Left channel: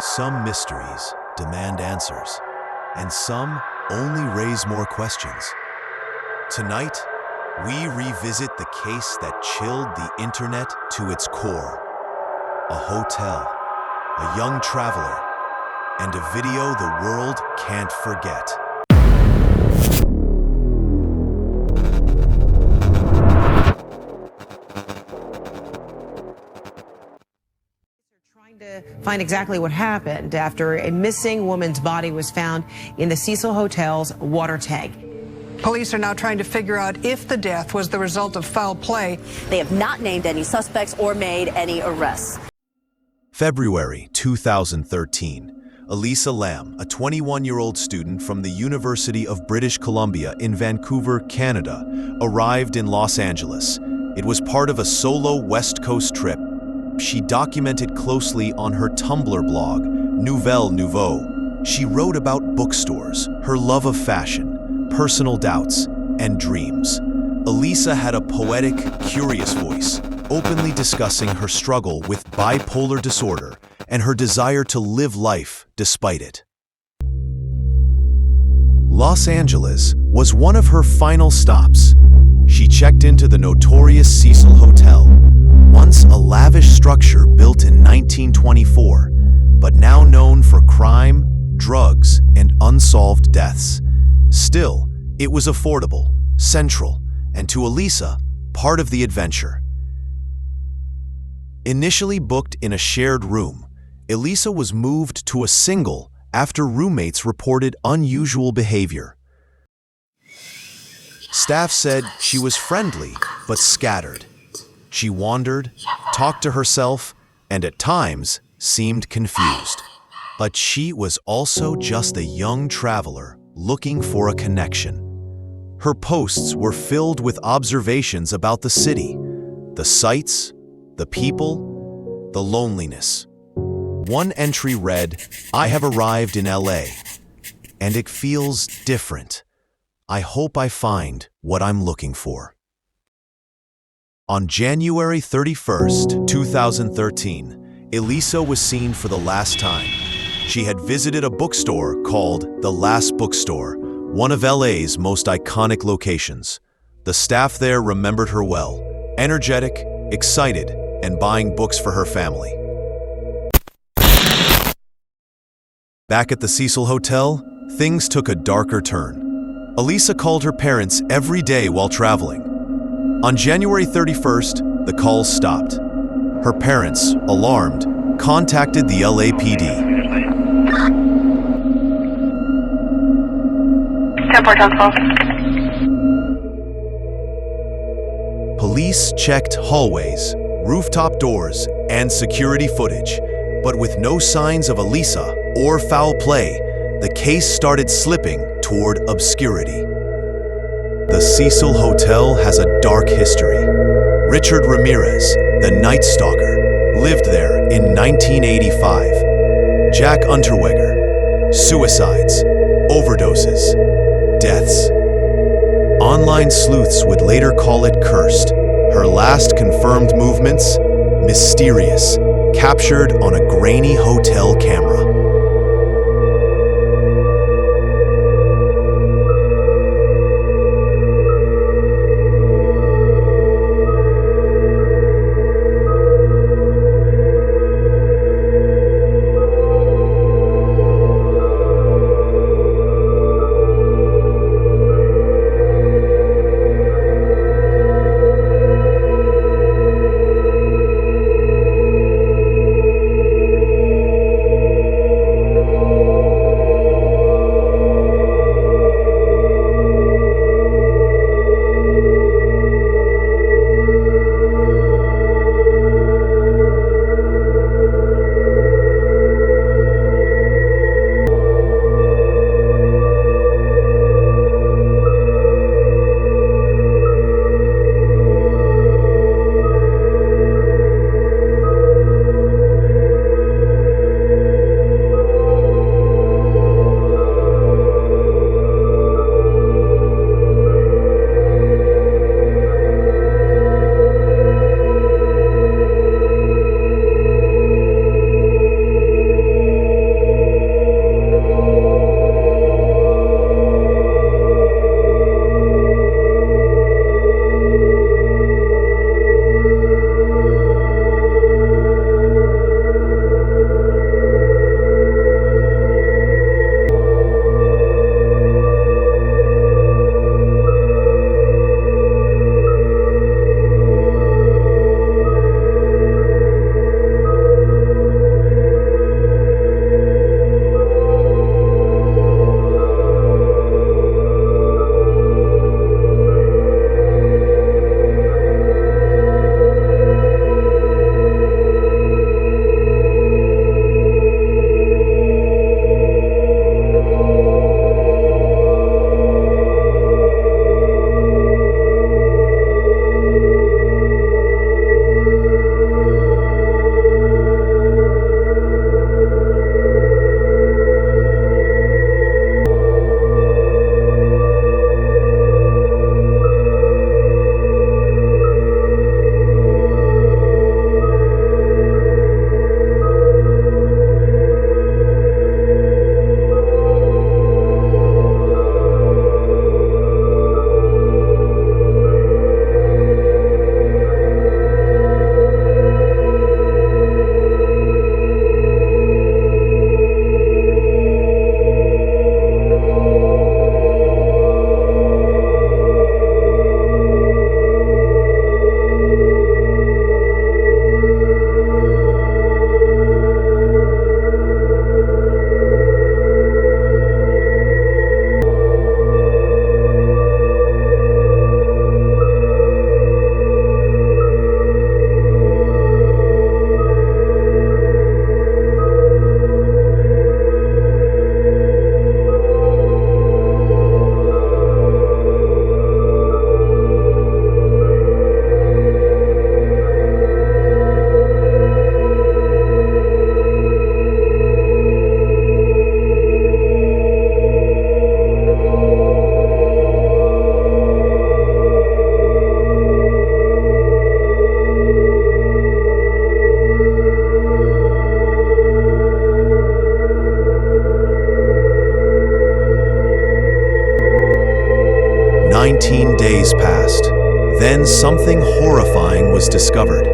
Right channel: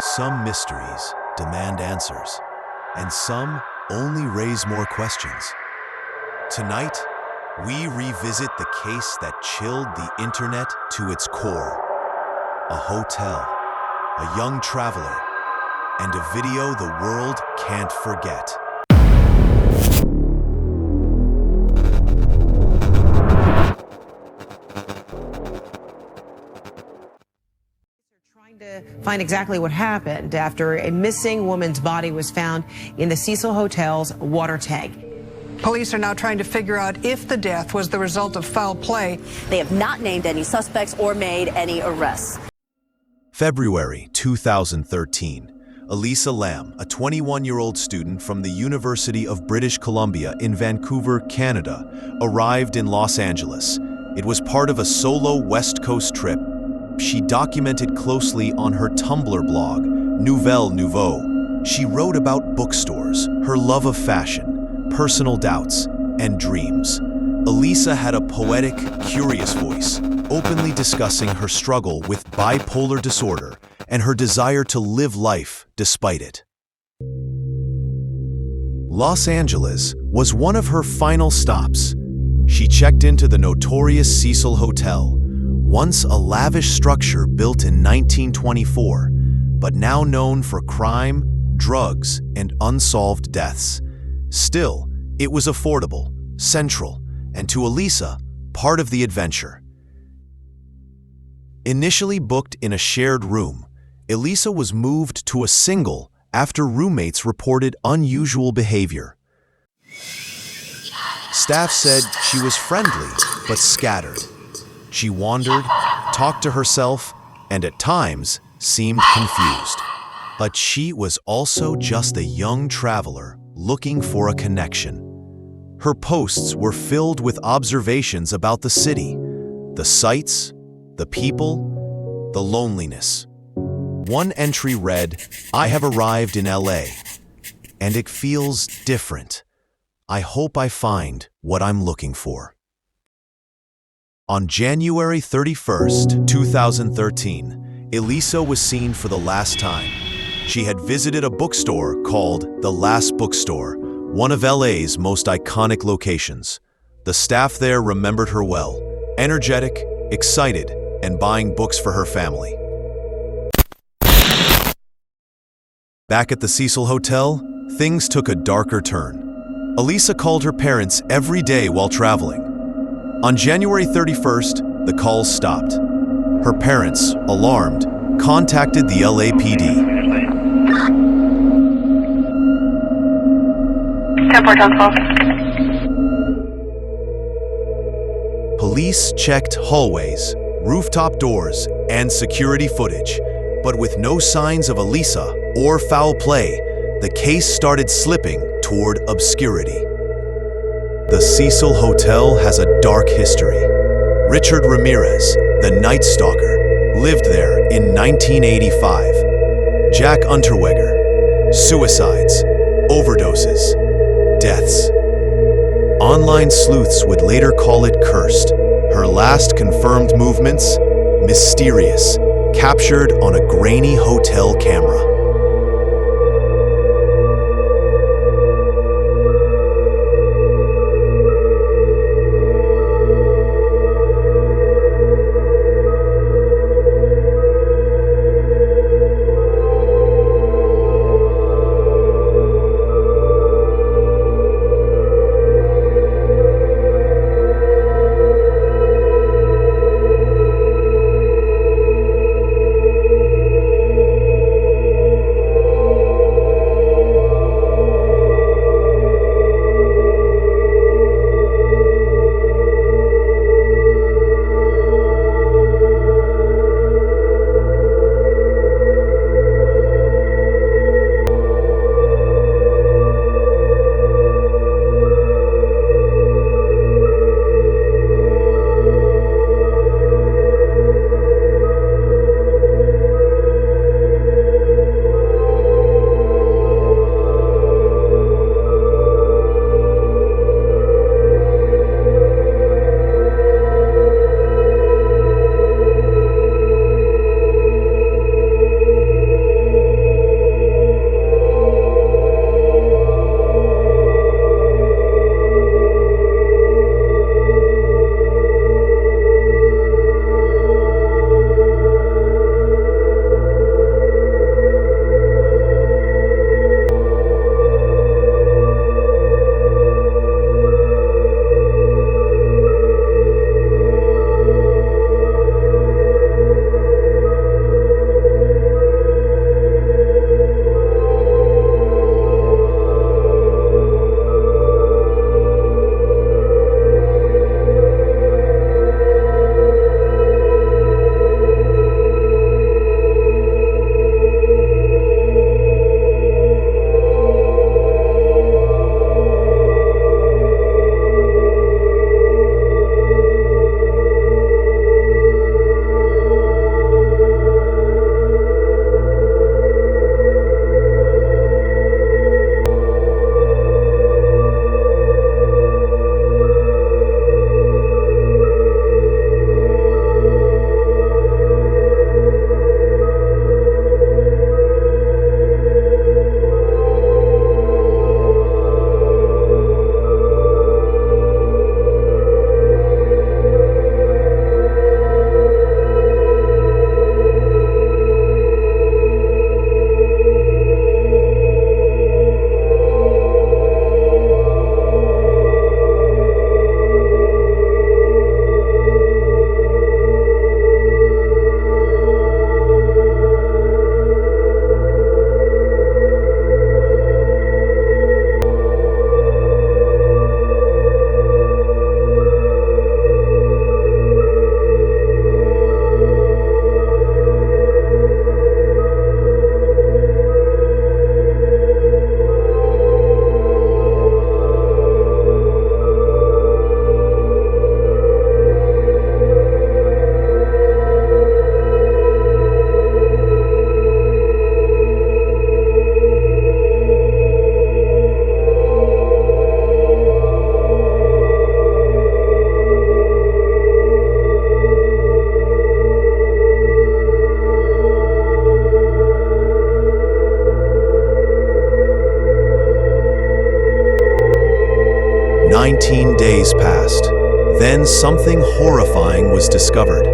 Some mysteries demand answers, and some only raise more questions. Tonight, we revisit the case that chilled the internet to its core. A hotel, a young traveler, and a video the world can't forget. To find exactly what happened after a missing woman's body was found in the Cecil Hotel's water tank. Police are now trying to figure out if the death was the result of foul play. They have not named any suspects or made any arrests. February 2013. Elisa Lam, a 21-year-old student from the University of British Columbia in Vancouver, Canada, arrived in Los Angeles. It was part of a solo West Coast trip she documented closely on her Tumblr blog, Nouvelle Nouveau. She wrote about bookstores, her love of fashion, personal doubts, and dreams. Elisa had a poetic, curious voice, openly discussing her struggle with bipolar disorder and her desire to live life despite it. Los Angeles was one of her final stops. She checked into the notorious Cecil Hotel, once a lavish structure built in 1924, but now known for crime, drugs, and unsolved deaths. Still, it was affordable, central, and to Elisa, part of the adventure. Initially booked in a shared room, Elisa was moved to a single after roommates reported unusual behavior. Staff said she was friendly, but scattered. She wandered, talked to herself, and at times seemed confused. But she was also just a young traveler looking for a connection. Her posts were filled with observations about the city, the sights, the people, the loneliness. One entry read, "I have arrived in LA, and it feels different. I hope I find what I'm looking for." On January 31st, 2013, Elisa was seen for the last time. She had visited a bookstore called The Last Bookstore, one of LA's most iconic locations. The staff there remembered her well, energetic, excited, and buying books for her family. Back at the Cecil Hotel, things took a darker turn. Elisa called her parents every day while traveling. On January 31st, the calls stopped. Her parents, alarmed, contacted the LAPD. 10-4, Police checked hallways, rooftop doors, and security footage, but with no signs of Elisa or foul play, the case started slipping toward obscurity. The Cecil Hotel has a dark history. Richard Ramirez, the Night Stalker, lived there in 1985. Jack Unterweger, suicides, overdoses, deaths. Online sleuths would later call it cursed. Her last confirmed movements, mysterious, captured on a grainy hotel camera. 19 days passed. Then something horrifying was discovered.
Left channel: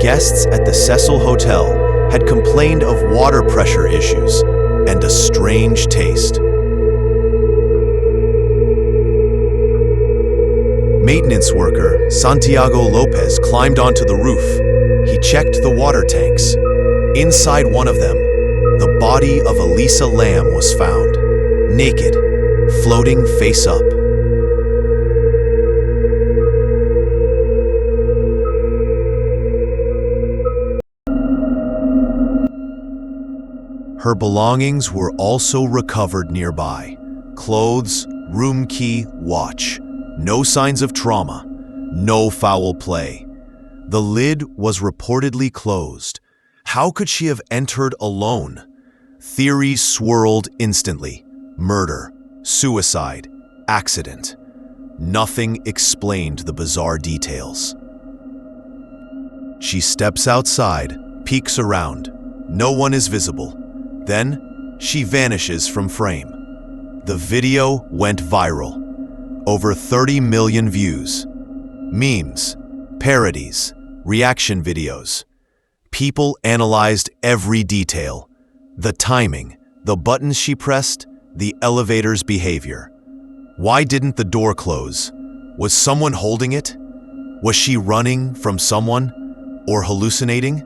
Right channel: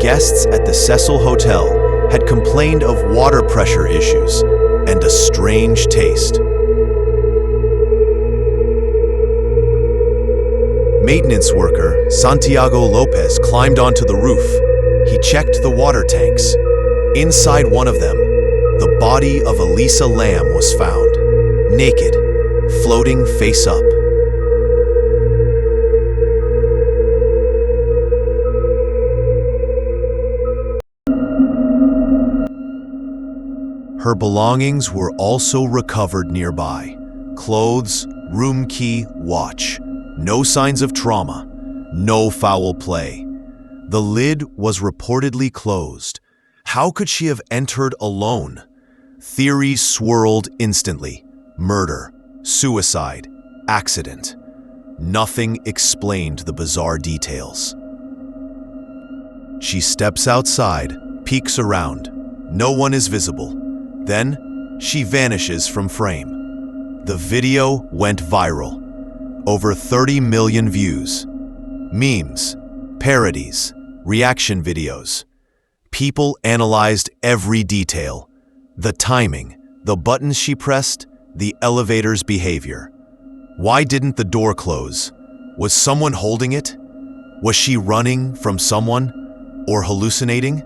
Guests at the Cecil Hotel had complained of water pressure issues and a strange taste. Maintenance worker Santiago Lopez climbed onto the roof. He checked the water tanks. Inside one of them, the body of Elisa Lam was found, naked, floating face up. Her belongings were also recovered nearby. Clothes, room key, watch. No signs of trauma. No foul play. The lid was reportedly closed. How could she have entered alone? Theories swirled instantly. Murder, suicide, accident. Nothing explained the bizarre details. She steps outside, peeks around. No one is visible. Then, she vanishes from frame. The video went viral. Over 30 million views. Memes, parodies, reaction videos. People analyzed every detail. The timing, the buttons she pressed, the elevator's behavior. Why didn't the door close? Was someone holding it? Was she running from someone? Or hallucinating?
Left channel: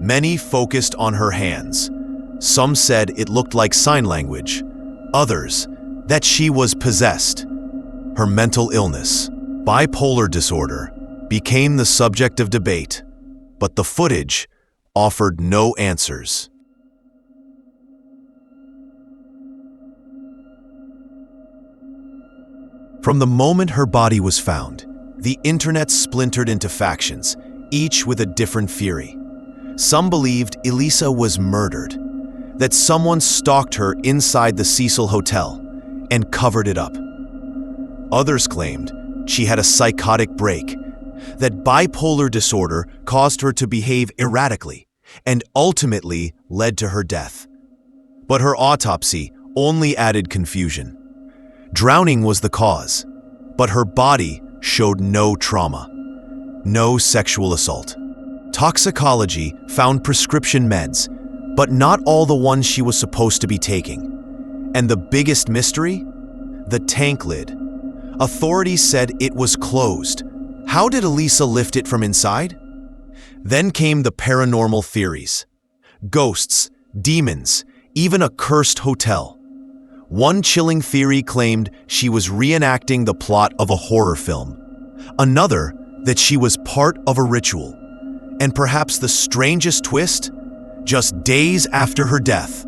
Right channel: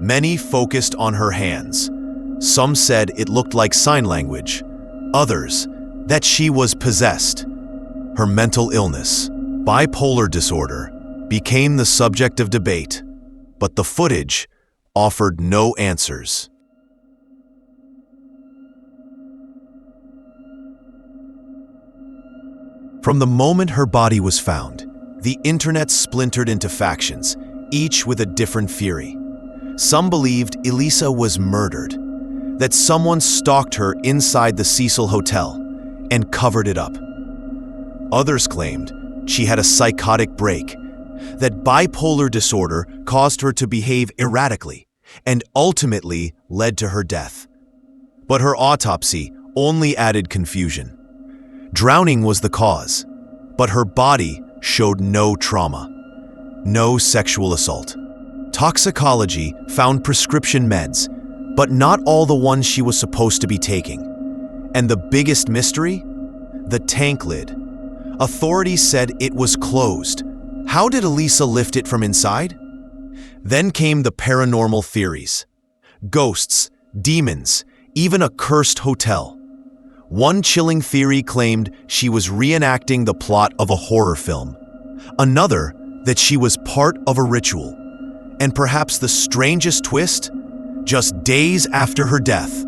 Many focused on her hands. Some said it looked like sign language. Others, that she was possessed. Her mental illness, bipolar disorder, became the subject of debate, but the footage offered no answers. From the moment her body was found, the internet splintered into factions, each with a different theory. Some believed Elisa was murdered, that someone stalked her inside the Cecil Hotel and covered it up. Others claimed she had a psychotic break, that bipolar disorder caused her to behave erratically and ultimately led to her death. But her autopsy only added confusion. Drowning was the cause, but her body showed no trauma, no sexual assault. Toxicology found prescription meds, but not all the ones she was supposed to be taking. And the biggest mystery? The tank lid. Authorities said it was closed. How did Elisa lift it from inside? Then came the paranormal theories. Ghosts, demons, even a cursed hotel. One chilling theory claimed she was reenacting the plot of a horror film. Another, that she was part of a ritual. And perhaps the strangest twist? Just days after her death,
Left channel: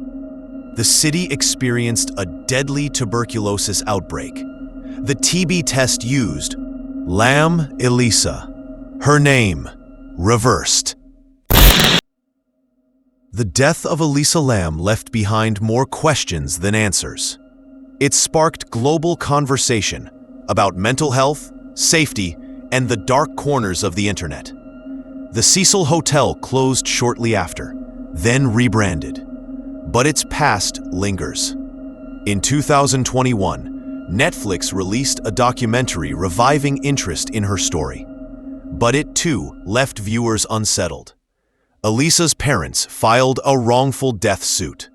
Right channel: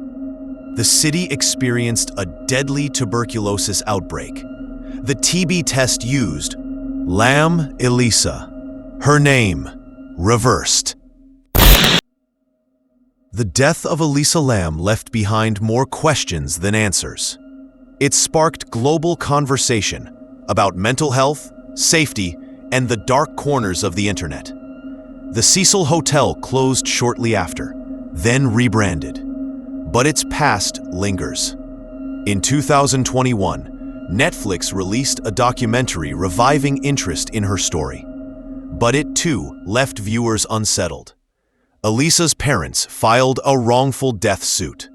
the city experienced a deadly tuberculosis outbreak. The TB test used Lam Elisa. Her name reversed. The death of Elisa Lam left behind more questions than answers. It sparked global conversation about mental health, safety, and the dark corners of the internet. The Cecil Hotel closed shortly after, then rebranded. But its past lingers. In 2021, Netflix released a documentary reviving interest in her story. But it too left viewers unsettled. Elisa's parents filed a wrongful death suit.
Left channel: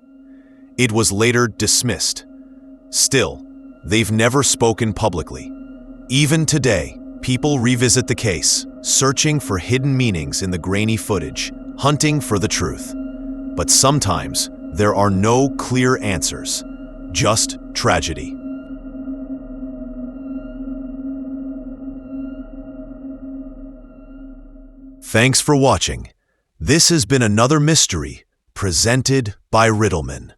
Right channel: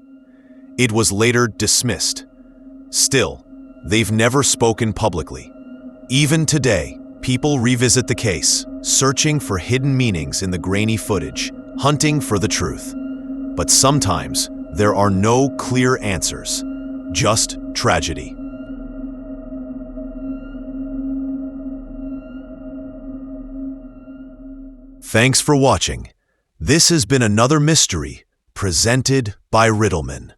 It was later dismissed. Still, they've never spoken publicly. Even today, people revisit the case, searching for hidden meanings in the grainy footage, hunting for the truth. But sometimes, there are no clear answers, just tragedy. Thanks for watching. This has been another mystery presented by Riddleman.